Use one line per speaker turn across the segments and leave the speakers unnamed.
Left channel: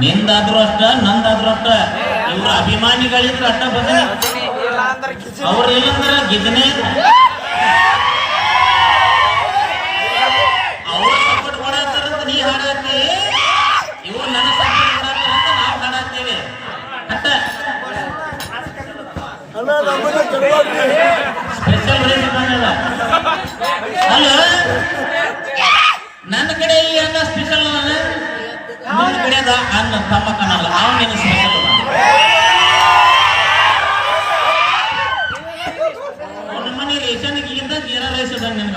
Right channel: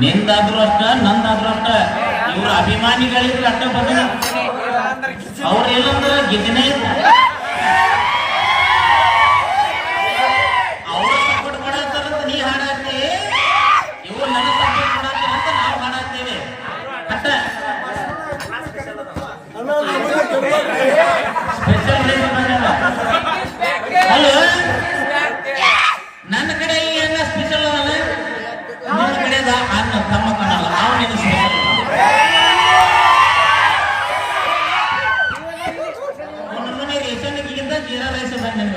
ನಿಂದಾದ್ರೂ ಅಷ್ಟ ನಂದಾದ್ರೂ ಅಷ್ಟ. ಇವ್ರ ಅಭಿಮಾನಿಗಳಿದ್ರೆ ಅಷ್ಟ ಬಂದ ಅವ್ರ ಏನಂದ್ರ ಗಿದನೆ. ಅವ್ರು ಸಪೋರ್ಟ್ ಮಾಡತ್ತಾರಂತ ನೀ ಹಾಡಾತಿ ಇವ್ರು ನನ್ನ ಸಪೋರ್ಟ್ ನಾವು ಹಾಡಾತ್ತೇವೆ ಸ್ಪೆಷಲ್ ರೇಟ್ ಮಾಡಲ್ಲ ಅಲ್ಲ ನನ್ನ ಕಡೆ ಈ ಅನ್ನ ಸ್ಪೆಷಲ್ ನನ್ನ ಕಡೆ ಅವನ ಮನೆ ರೇಷನ್ಗಿಂತ ಜೀರಾ ರೈಸ್ ಅದ ನಿನ್ನ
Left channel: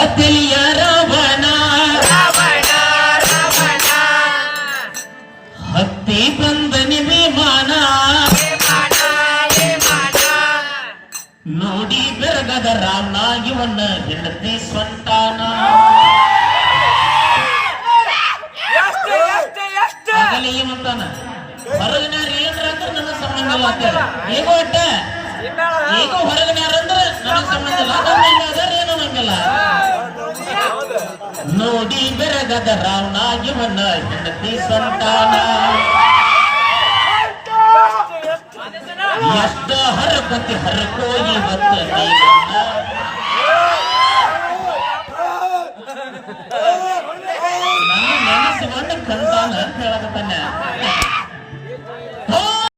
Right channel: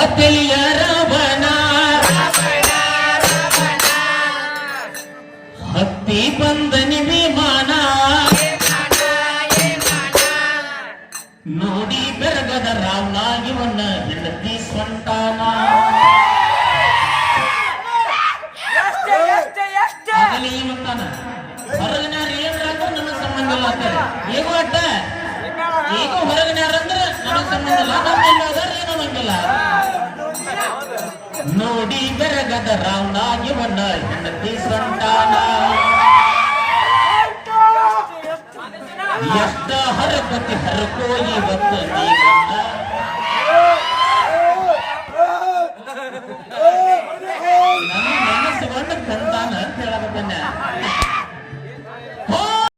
ಅತ್ತಲಿಯ ರಾವಣ. ಹತ್ತಿ ಬಂದ ವಿಮಾನ ನೋಡಿ ಬೆರಗದ ರಾಮ ಇವನ್ನ ಹೆಂಡತಿ ಸ್ವಂತಾನ ಈಗ ಒಟ್ಟ ಈಗ ಹೊರಗೆ ಅಂದ್ರೆ ನನ್ನ ಸಂಬಂಧ ಇಲ್ಲ. ಏನೋ ನಂಗಿಲ್ಲ ನೋಡಿ ಬೆರಗದ ರಾವಣ ಇವನ್ನ ಹೆಂಡತಿ, ಸಂತಾನ. ಎಷ್ಟ ಹರಪತಿ ಹರಕೋ ಇವತ್ತು